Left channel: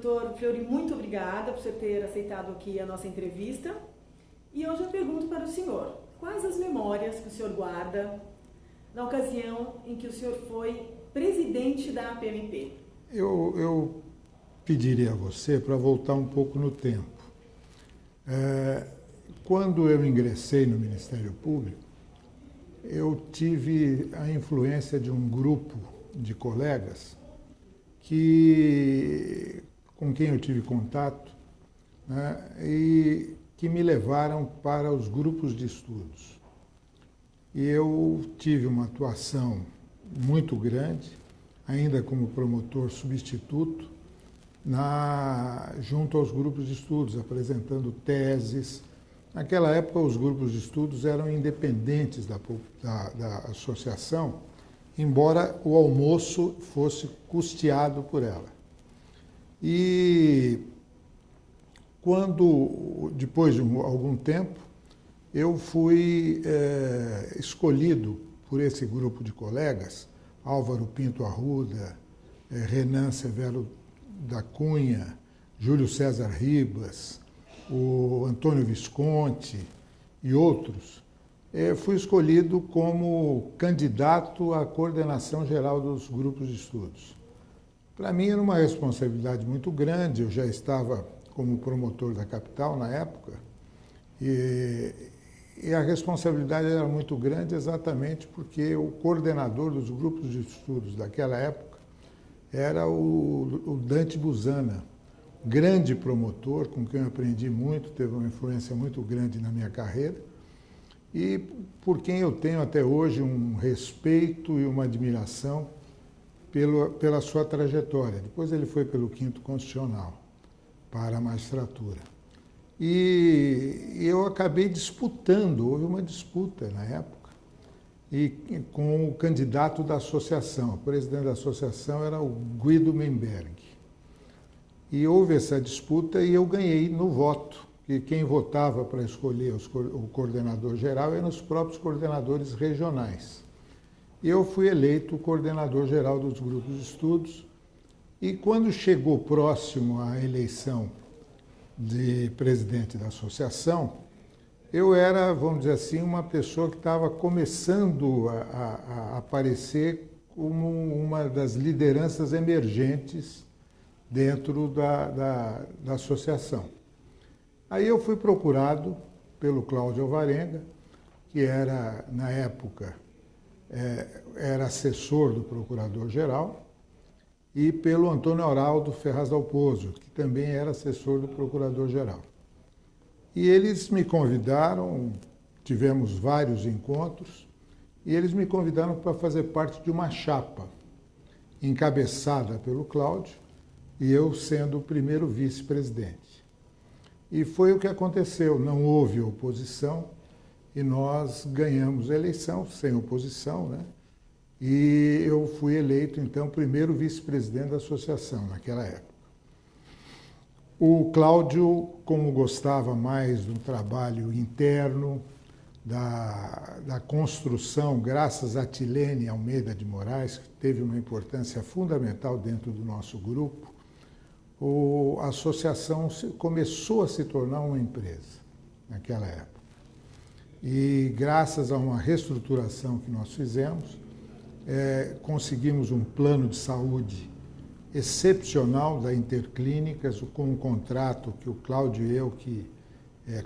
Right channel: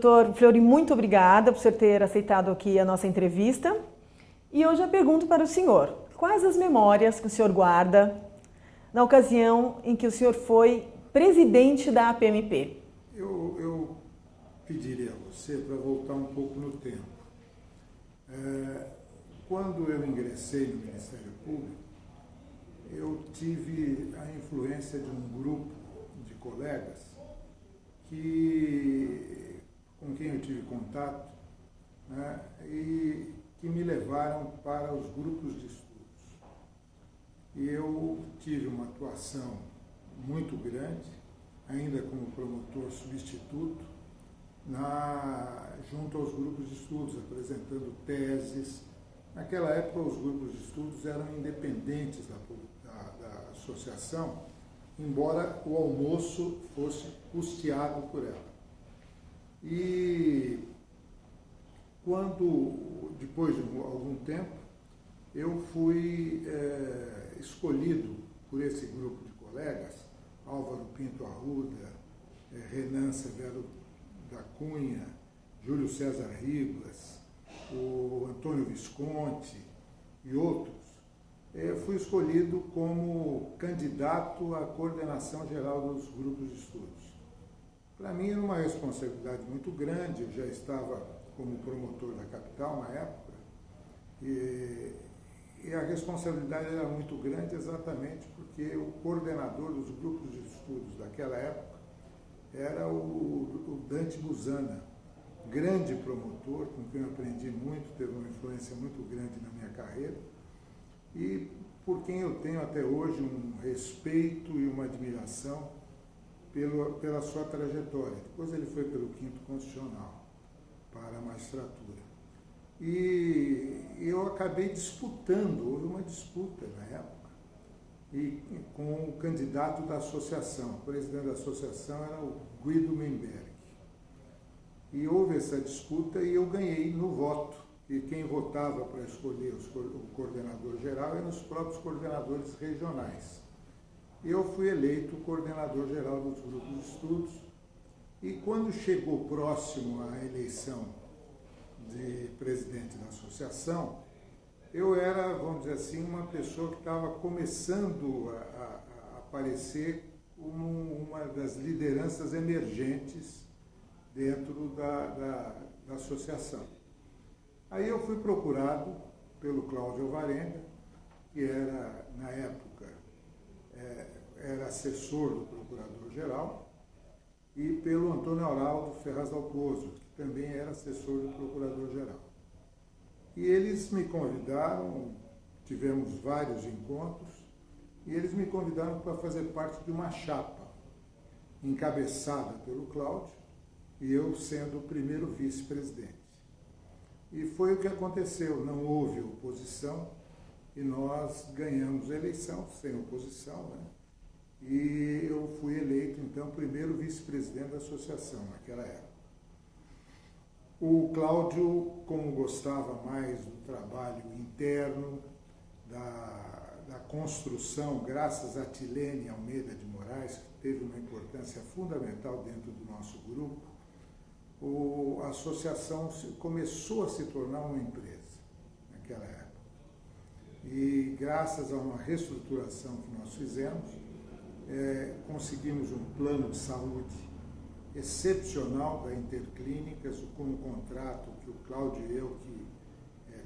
Doutor Fleury, muito obrigada por você ter aceitado aqui a nossa entrevista. E hoje eu pergunto para o senhor, quais as memórias que o senhor guarda na ocasião em que o senhor foi presidente da APMP? Eu pediria a você para voltar um pouco no tempo. Quando eu ingressei no Ministério Público, eu tive a influência de um grupo de colegas com quem eu tive contato, né, e que me levaram para os grupos de estudos. E eu tive uma atuação muito grande, ainda como promotor substituto, junto aos grupos de estudos, apresentando teses. Naquela época, os grupos de estudos eram independentes da associação, embora o almoço fosse custeado por ela. E depois de algum tempo, eu fui escolhido por esse grupo de colegas, Álvaro Pinto Arruda, Renan Severo da Cunha, Júlio César Ribas, o Antônio Visconti e outros. Fui escolhido como candidato à coordenação geral dos grupos de estudos. Para mim era uma responsabilidade muito grande, eu já estava como promotor da capital na época, e a responsabilidade era muito grande exatamente porque o coordenador dos grupos de estudos daquela época era o Dante Buzana, grande promotor, com quem eu aprendi muito, teve uma influência muito grande na minha carreira, e por quem eu tenho até hoje um respeito e uma admiração pela sua trajetória. Depois ele foi pelo 5º Constitucional, para a magistratura. E eu acabei disputando, houve uma disputa na época, com o candidato da associação. O presidente da associação era o Guido Memberg. E houve essa disputa e eu ganhei no voto. E quem votava para escolher o coordenador geral eram os próprios coordenadores regionais. Eu fui eleito coordenador geral dos grupos de estudos e quando chegou próximo à eleição de presidente da associação, eu era, vamos dizer assim, uma pessoa que estava começando a aparecer como uma das lideranças emergentes dentro da associação. Aí eu fui procurado pelo Cláudio Alvarenga, que era, na época, era assessor do Procurador-Geral, e pelo Antônio Araldo Ferraz Dalpozo, que também era assessor do Procurador-Geral. E eles me convidaram, tivemos vários encontros, e eles me convidaram para fazer parte de uma chapa, encabeçada pelo Cláudio, e eu sendo o primeiro vice-presidente. E foi o que aconteceu, não houve oposição e nós ganhamos a eleição sem oposição, né? E eu fui eleito, então, primeiro vice-presidente da associação naquela época. O Cláudio, como gostava mais do trabalho interno, da construção, graças a Tilene Almeida de Moraes, que teve uma importância fundamental dentro do nosso grupo, a associação começou a se tornar uma empresa naquela época. E graças a uma reestruturação que nós fizemos, conseguimos um plano de saúde excepcional da Interclínicas, com um contrato que o Cláudio e eu que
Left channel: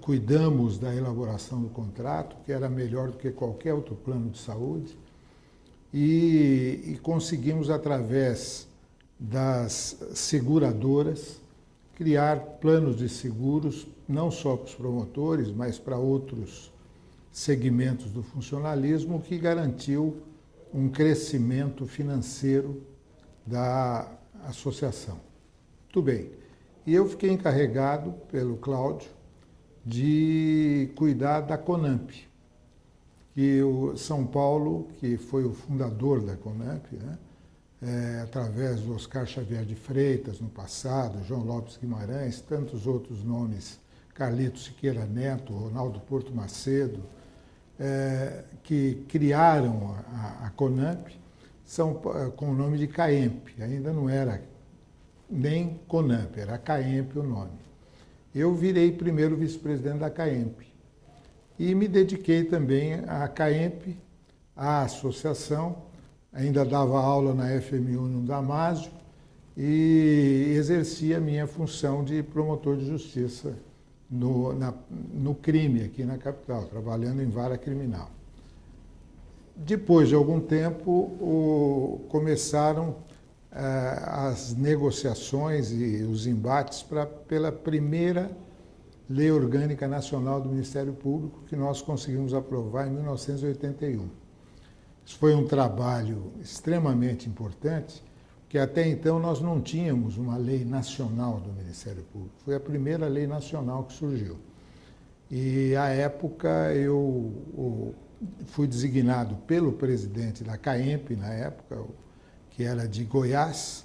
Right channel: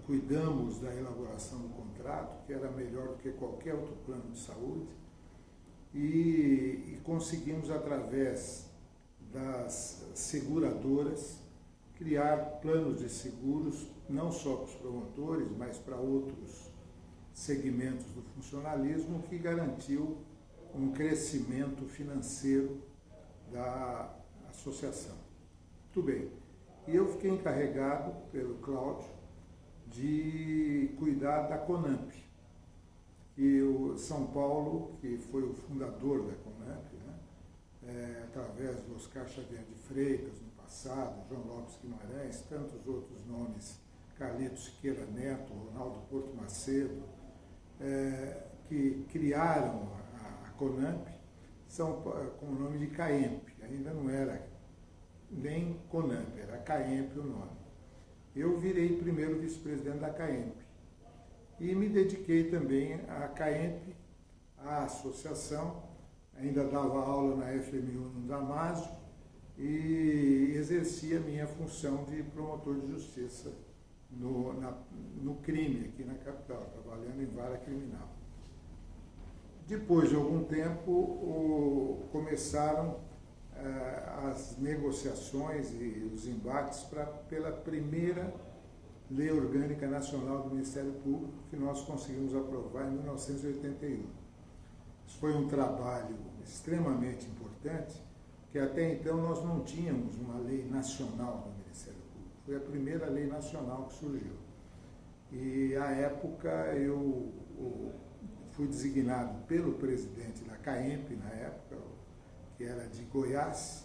cuidamos da elaboração do contrato, que era melhor do que qualquer outro plano de saúde, e conseguimos, através das seguradoras, criar planos de seguros, não só para os promotores, mas para outros segmentos do funcionalismo, que garantiu um crescimento financeiro da associação. Muito bem. E eu fiquei encarregado pelo Cláudio de cuidar da CONAMP, que o São Paulo, que foi o fundador da CONAMP, né? Através do Oscar Xavier de Freitas no passado, João Lopes Guimarães, tantos outros nomes, Carlito Siqueira Neto, Ronaldo Porto Macedo, que criaram a CONAMP, são com o nome de CAEMP, ainda não era nem CONAMP, era a CAEMP o nome. Eu virei primeiro vice-presidente da CAEMP e me dediquei também à CAEMP, à associação, ainda dava aula na FMU no Damásio e exercia a minha função de promotor de justiça no crime aqui na capital, trabalhando em vara criminal. Depois de algum tempo, começaram as negociações e os embates pela primeira Lei Orgânica Nacional do Ministério Público, que nós conseguimos aprovar em 1981. Isso foi um trabalho extremamente importante, porque até então nós não tínhamos uma lei nacional do Ministério Público. Foi a primeira lei nacional que surgiu. E, à época, eu fui designado pelo presidente da CAEMP, na época, que era de Goiás,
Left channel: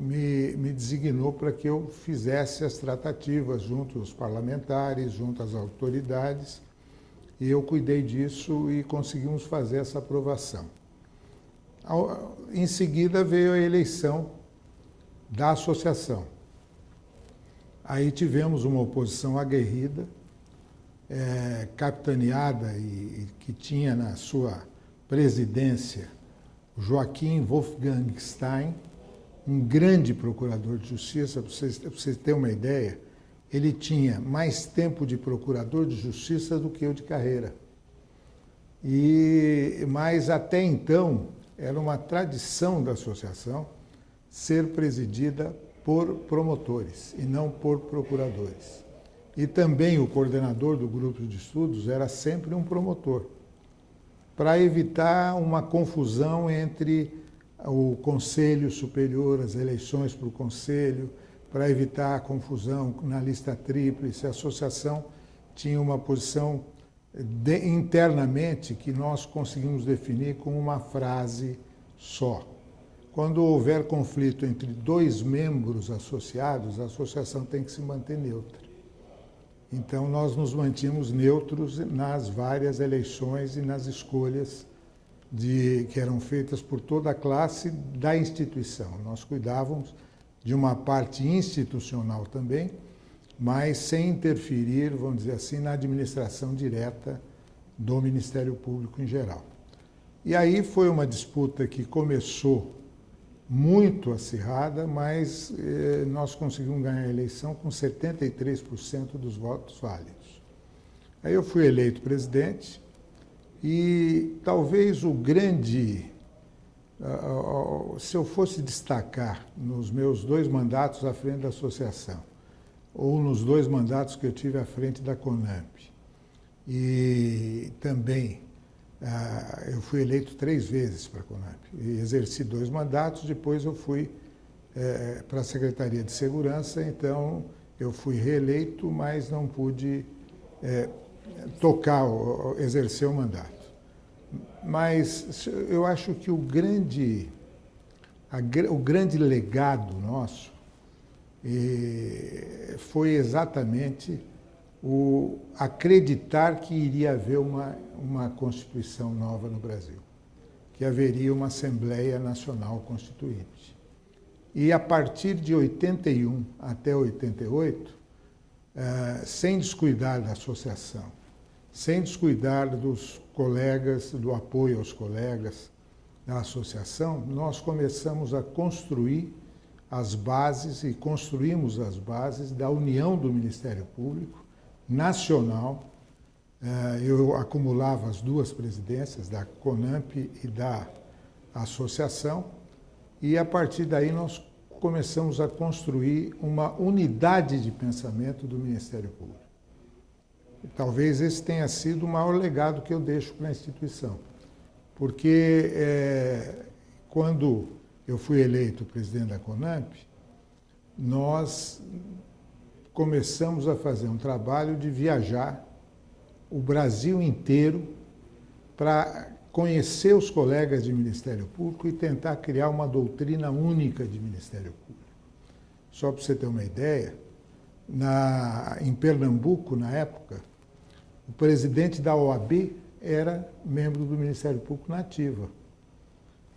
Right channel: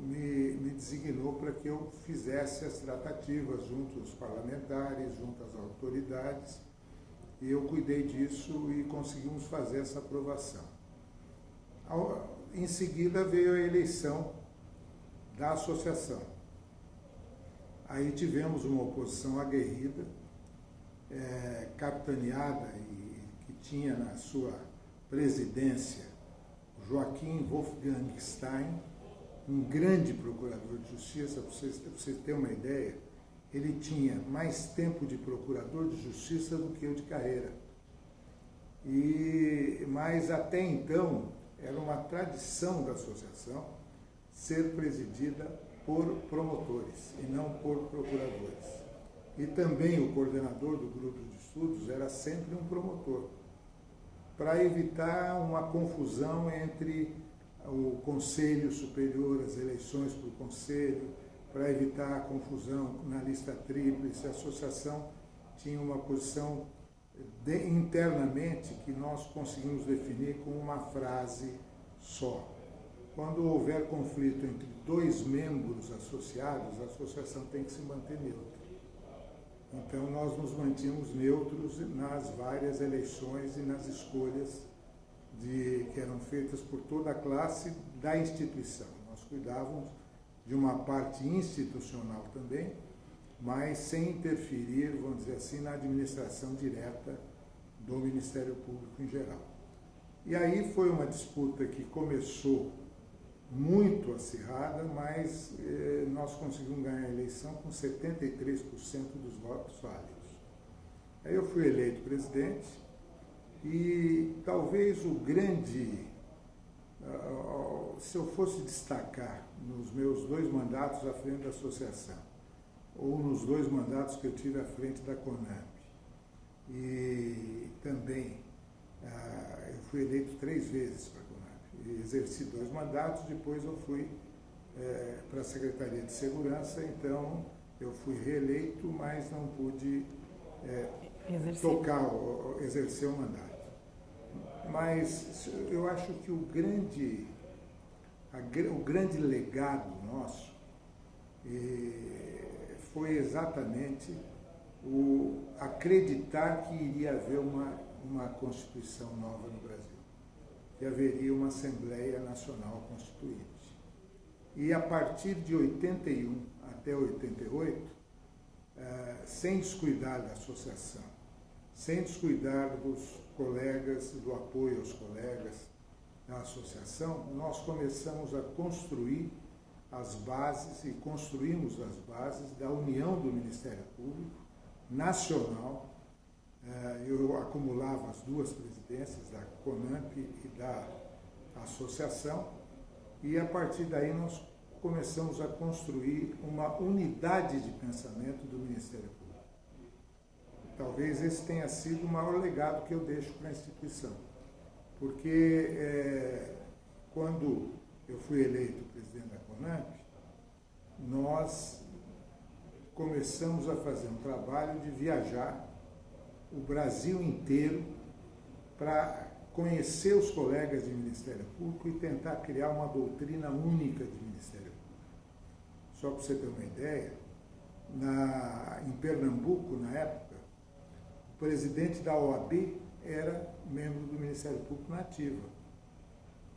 me designou para que eu fizesse as tratativas junto aos parlamentares, junto às autoridades, e eu cuidei disso e conseguimos fazer essa aprovação. Em seguida veio a eleição da associação. Aí tivemos uma oposição aguerrida, capitaneada e que tinha na sua presidência Joaquim Wolfgang Stein, um grande procurador de justiça. Para vocês terem uma ideia, ele tinha mais tempo de procurador de justiça do que eu de carreira. Mas até então era uma tradição da associação ser presidida por promotores e não por procuradores. E também o coordenador do grupo de estudos era sempre um promotor, para evitar uma confusão entre o Conselho Superior, as eleições para o Conselho, para evitar a confusão na lista tríplice. A associação tinha uma posição internamente que nós conseguimos definir com uma frase só. Quando houver conflito entre dois membros associados, a associação tem que se manter neutra. Então, nós nos mantínhamos neutros nas várias eleições e nas escolhas que eram feitas por toda a classe da instituição. Nós cuidávamos de uma parte institucional também, mas sem interferir, vamos dizer assim, na administração direta do Ministério Público em geral. E aí foi uma disputa que começou muito acirrada, mas nós conseguimos ganhar a eleição com 73% dos votos válidos. Aí eu fui eleito presidente e talvez o grande, se eu fosse destacar nos meus 2 mandatos à frente da associação, ou nos 2 mandatos que eu tive à frente da CONAMP, e também eu fui eleito 3 vezes para a CONAMP, e exerci 2 mandatos, depois eu fui para a Secretaria de Segurança, então eu fui reeleito, mas não pude exercer o mandato. Mas eu acho que o grande legado nosso foi exatamente o acreditar que iria haver uma Constituição nova no Brasil, que haveria uma Assembleia Nacional Constituinte. E a partir de 81 até 88, sem descuidar da associação, sem descuidar dos colegas, do apoio aos colegas da associação, nós começamos a construir as bases e construímos as bases da união do Ministério Público Nacional. Eu acumulava as 2 presidências, da CONAMP e da associação, e a partir daí nós começamos a construir uma unidade de pensamento do Ministério Público. Talvez esse tenha sido o maior legado que eu deixo para a instituição, porque quando eu fui eleito presidente da CONAMP, nós começamos a fazer um trabalho de viajar o Brasil inteiro para conhecer os colegas de Ministério Público e tentar criar uma doutrina única de Ministério Público. Só para você ter uma ideia, em Pernambuco, na época, o presidente da OAB era membro do Ministério Público na ativa.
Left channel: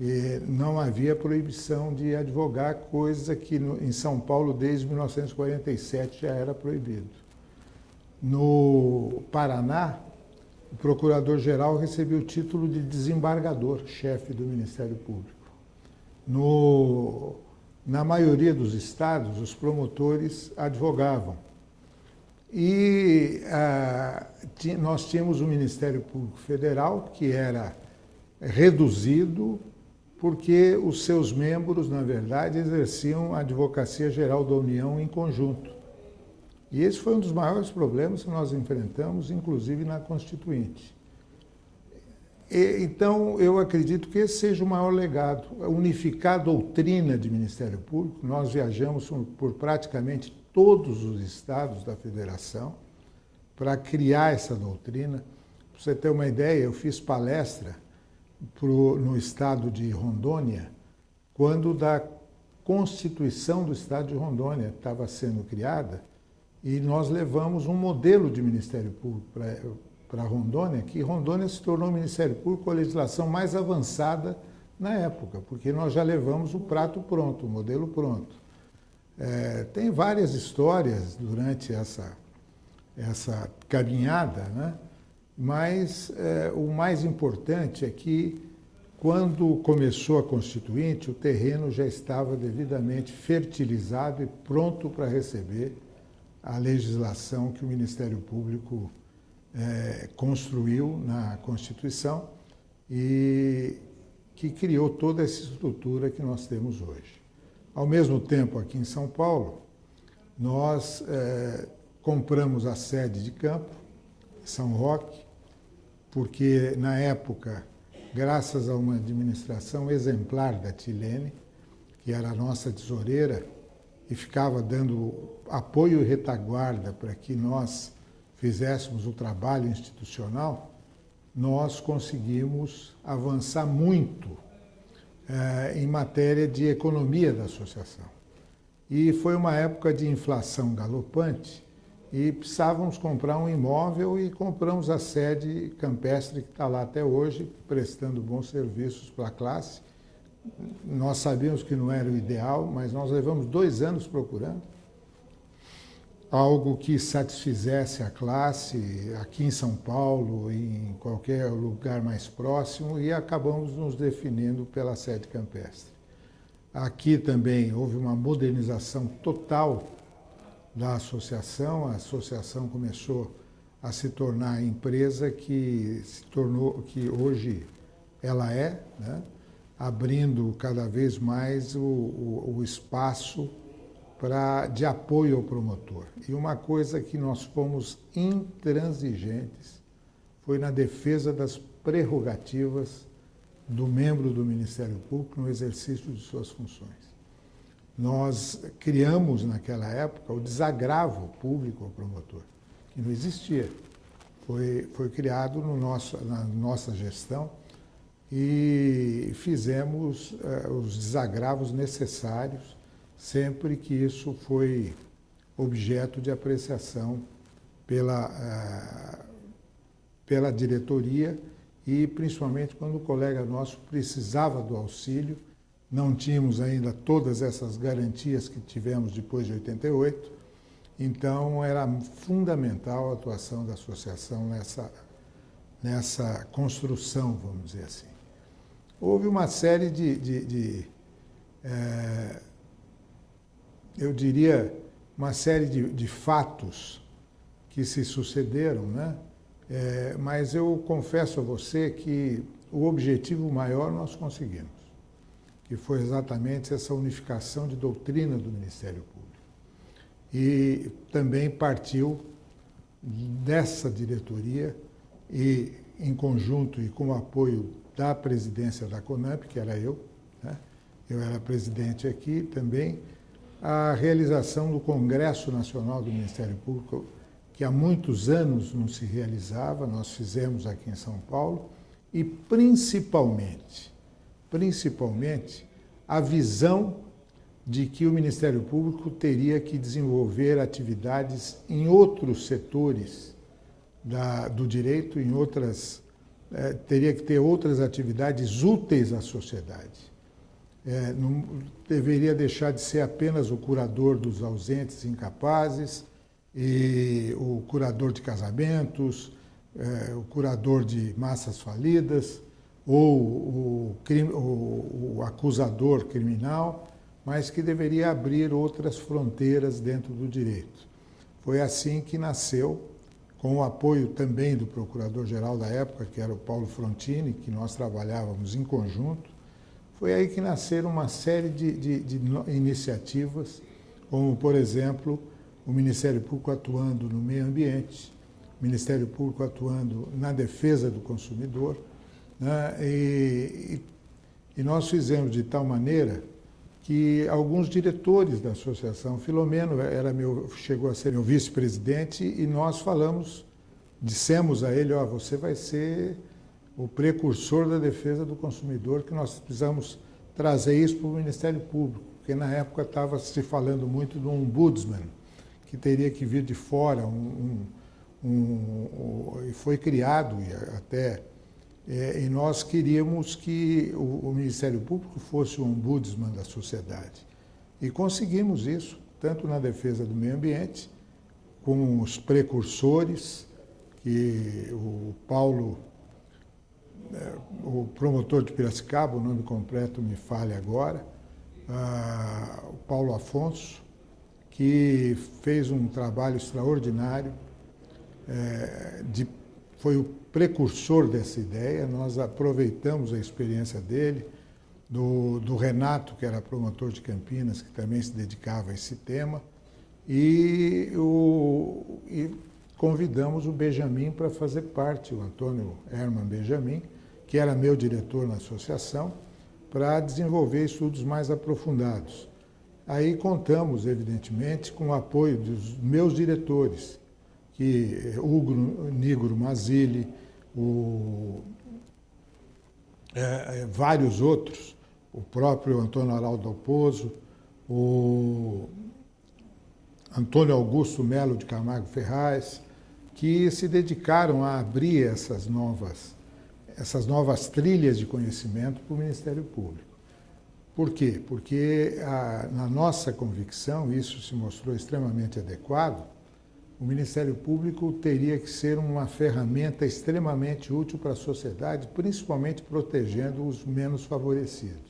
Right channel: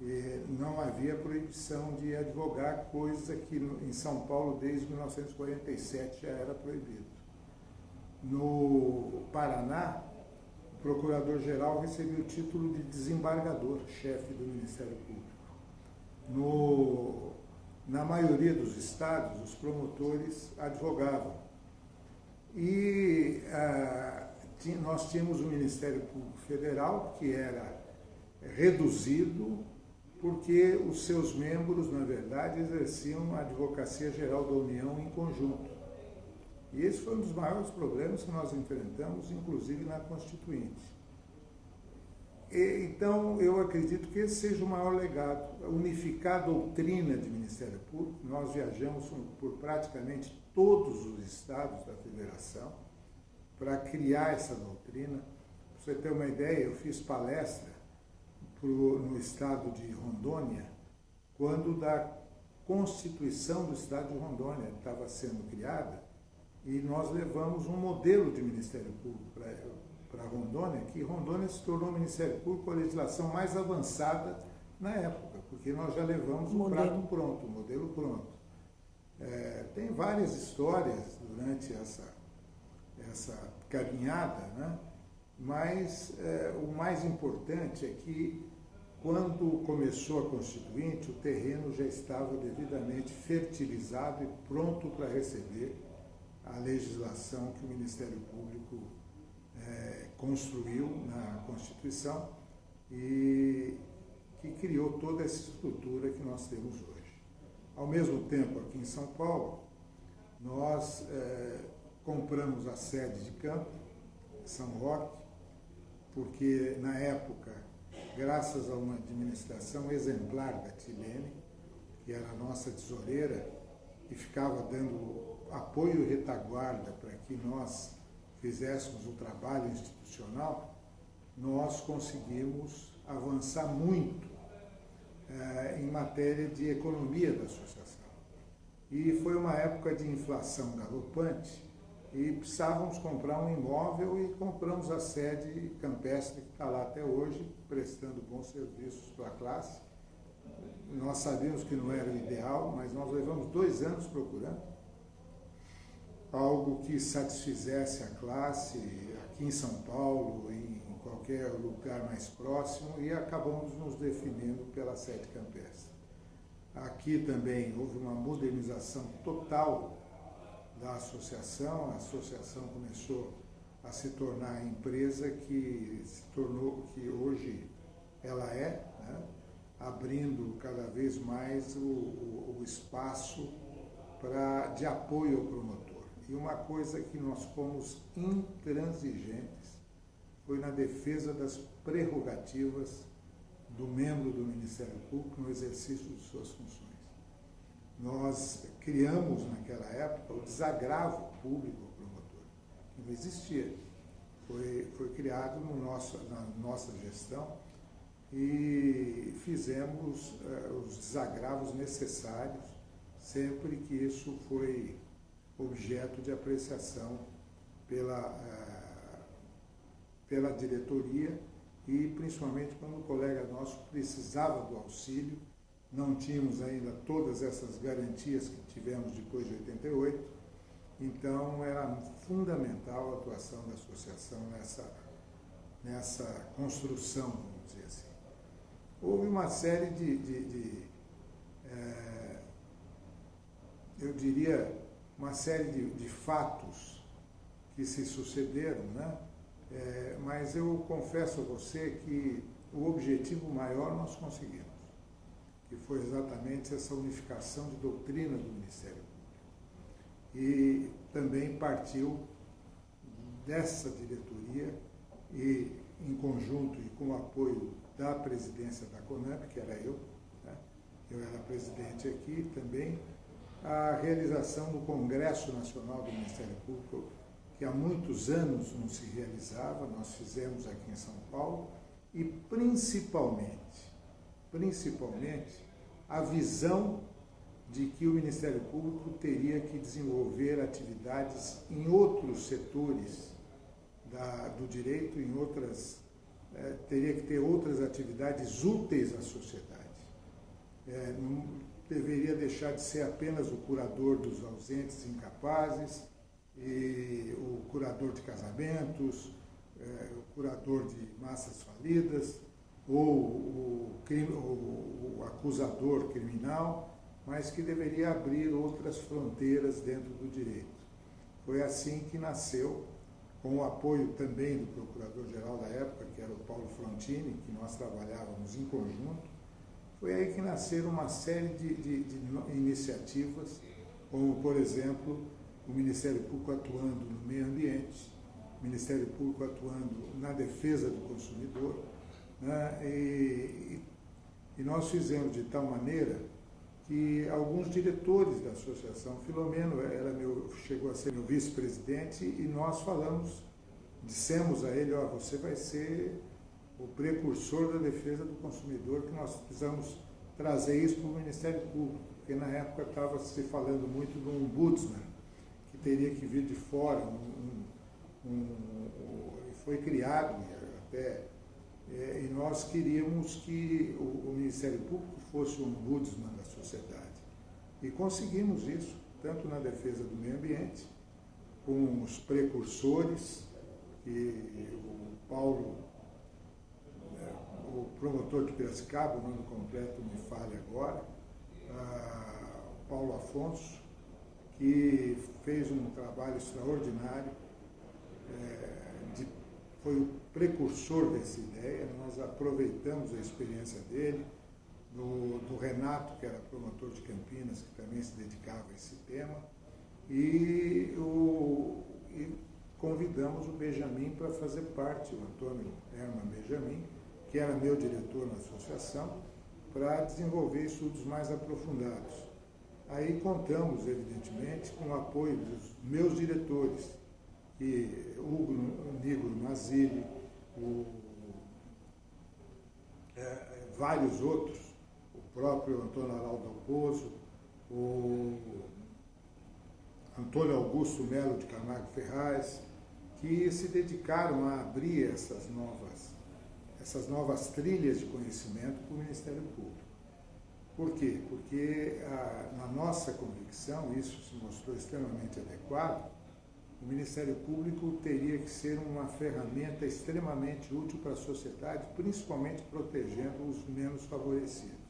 E não havia proibição de advogar, coisa que em São Paulo desde 1947 já era proibido. No Paraná, o procurador-geral recebeu o título de desembargador, chefe do Ministério Público. Na maioria dos estados, os promotores advogavam. E nós tínhamos o Ministério Público Federal, que era reduzido porque os seus membros, na verdade, exerciam a Advocacia Geral da União em conjunto. E esse foi um dos maiores problemas que nós enfrentamos, inclusive na Constituinte. Então, eu acredito que esse seja o maior legado, unificar a doutrina de Ministério Público. Nós viajamos por praticamente todos os estados da federação para criar essa doutrina. Para você ter uma ideia, eu fiz palestra no estado de Rondônia, quando da Constituição do estado de Rondônia estava sendo criada, e nós levamos um modelo de Ministério Público para Rondônia, que Rondônia se tornou o Ministério Público com a legislação mais avançada na época, porque nós já levamos o prato pronto, o modelo pronto. Tem várias histórias durante essa caminhada, né? Mas o mais importante é que, quando começou a Constituinte, o terreno já estava devidamente fertilizado e pronto para receber a legislação que o Ministério Público construiu na Constituição e que criou toda essa estrutura que nós temos hoje. Ao mesmo tempo, aqui em São Paulo, nós compramos a sede de campo, São Roque, porque, na época, graças a uma administração exemplar da Tilene, que era a nossa tesoureira, e ficava dando apoio e retaguarda para que nós fizéssemos o trabalho institucional, nós conseguimos avançar muito em matéria de economia da associação. E foi uma época de inflação galopante e precisávamos comprar um imóvel e compramos a sede campestre que está lá até hoje, prestando bons serviços para a classe. Nós sabíamos que não era o ideal, mas nós levamos 2 anos procurando algo que satisfizesse a classe aqui em São Paulo, em qualquer lugar mais próximo, e acabamos nos definindo pela sede campestre. Aqui também houve uma modernização total da associação. A associação começou a se tornar a empresa que hoje ela é, né? Abrindo cada vez mais o espaço de apoio ao promotor. E uma coisa que nós fomos intransigentes foi na defesa das prerrogativas do membro do Ministério Público no exercício de suas funções. Nós criamos, naquela época, o desagravo público ao promotor, que não existia. Foi criado na nossa gestão e fizemos os desagravos necessários sempre que isso foi objeto de apreciação pela diretoria e principalmente quando o colega nosso precisava do auxílio. Não tínhamos ainda todas essas garantias que tivemos depois de 88, então era fundamental a atuação da associação nessa construção, vamos dizer assim. Houve uma série eu diria, uma série de fatos que se sucederam, né? Mas eu confesso a você que o objetivo maior nós conseguimos, que foi exatamente essa unificação de doutrina do Ministério Público. E também partiu dessa diretoria e, em conjunto e com o apoio da presidência da CONAMP, que era eu, né? Eu era presidente aqui também, a realização do Congresso Nacional do Ministério Público, que há muitos anos não se realizava, nós fizemos aqui em São Paulo, e principalmente, a visão de que o Ministério Público teria que desenvolver atividades em outros setores do direito, em outras teria que ter outras atividades úteis à sociedade. Não deveria deixar de ser apenas o curador dos ausentes e incapazes, e o curador de casamentos, o curador de massas falidas, ou o acusador criminal, mas que deveria abrir outras fronteiras dentro do direito. Foi assim que nasceu, com o apoio também do procurador-geral da época, que era o Paulo Frontini, que nós trabalhávamos em conjunto. Foi aí que nasceram uma série de iniciativas, como, por exemplo, o Ministério Público atuando no meio ambiente, o Ministério Público atuando na defesa do consumidor, né? E nós fizemos de tal maneira que alguns diretores da associação, Filomeno chegou a ser meu vice-presidente, e nós dissemos a ele, você vai ser o precursor da defesa do consumidor, que nós precisamos trazer isso para o Ministério Público, porque na época estava se falando muito do ombudsman, que teria que vir de fora, e foi criado e nós queríamos que o Ministério Público fosse o ombudsman da sociedade. E conseguimos isso, tanto na defesa do meio ambiente, com os precursores, que o Paulo, o promotor de Piracicaba, o nome completo me falha agora, o Paulo Afonso, que fez um trabalho extraordinário, foi o precursor dessa ideia. Nós aproveitamos a experiência dele, do Renato, que era promotor de Campinas, que também se dedicava a esse tema, e convidamos o Benjamin para fazer parte, o Antônio Herman Benjamin, que era meu diretor na associação, para desenvolver estudos mais aprofundados. Aí contamos, evidentemente, com o apoio dos meus diretores, que Hugo Nigro Mazzilli, vários outros, o próprio Antônio Araldo Alpozo, o Antônio Augusto Melo de Camargo Ferraz, que se dedicaram a abrir essas novas trilhas de conhecimento para o Ministério Público. Por quê? Porque, na nossa convicção, isso se mostrou extremamente adequado, o Ministério Público teria que ser uma ferramenta extremamente útil para a sociedade, principalmente protegendo os menos favorecidos.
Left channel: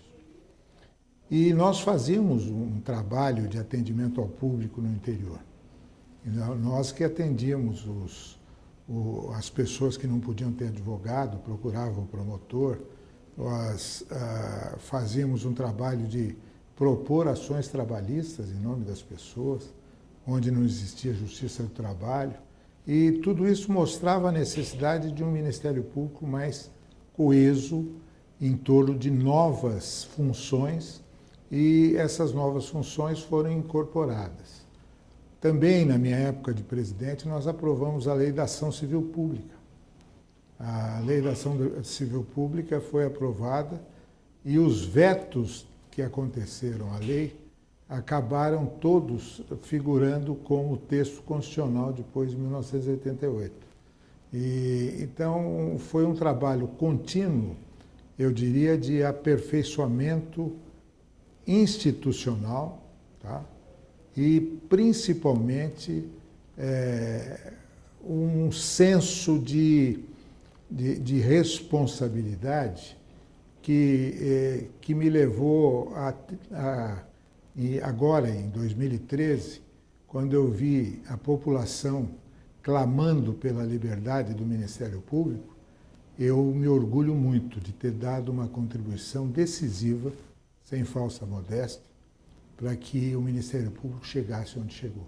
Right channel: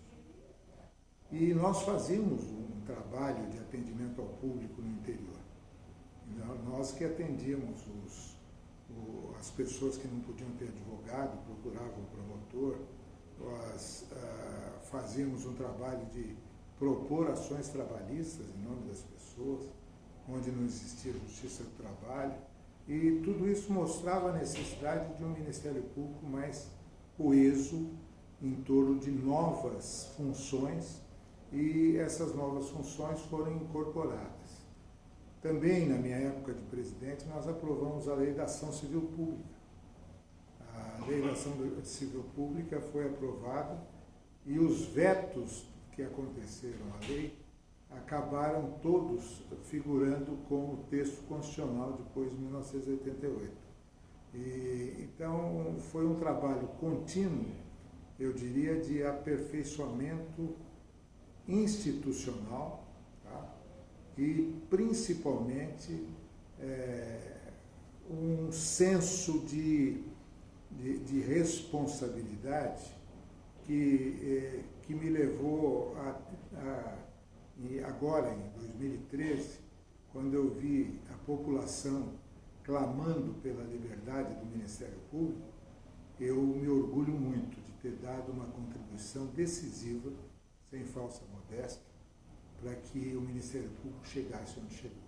E nós fazíamos um trabalho de atendimento ao público no interior. Nós que atendíamos as pessoas que não podiam ter advogado, procuravam o promotor, nós fazíamos um trabalho de propor ações trabalhistas em nome das pessoas, onde não existia justiça do trabalho, e tudo isso mostrava a necessidade de um Ministério Público mais coeso em torno de novas funções, e essas novas funções foram incorporadas. Também, na minha época de presidente, nós aprovamos a Lei da Ação Civil Pública. A Lei da Ação Civil Pública foi aprovada e os vetos que aconteceram à lei acabaram todos figurando como texto constitucional depois de 1988. Então, foi um trabalho contínuo, eu diria, de aperfeiçoamento institucional, tá? E, principalmente, um senso de responsabilidade que me levou e agora, em 2013, quando eu vi a população clamando pela liberdade do Ministério Público, eu me orgulho muito de ter dado uma contribuição decisiva, sem falsa modéstia, para que o Ministério Público chegasse onde chegou.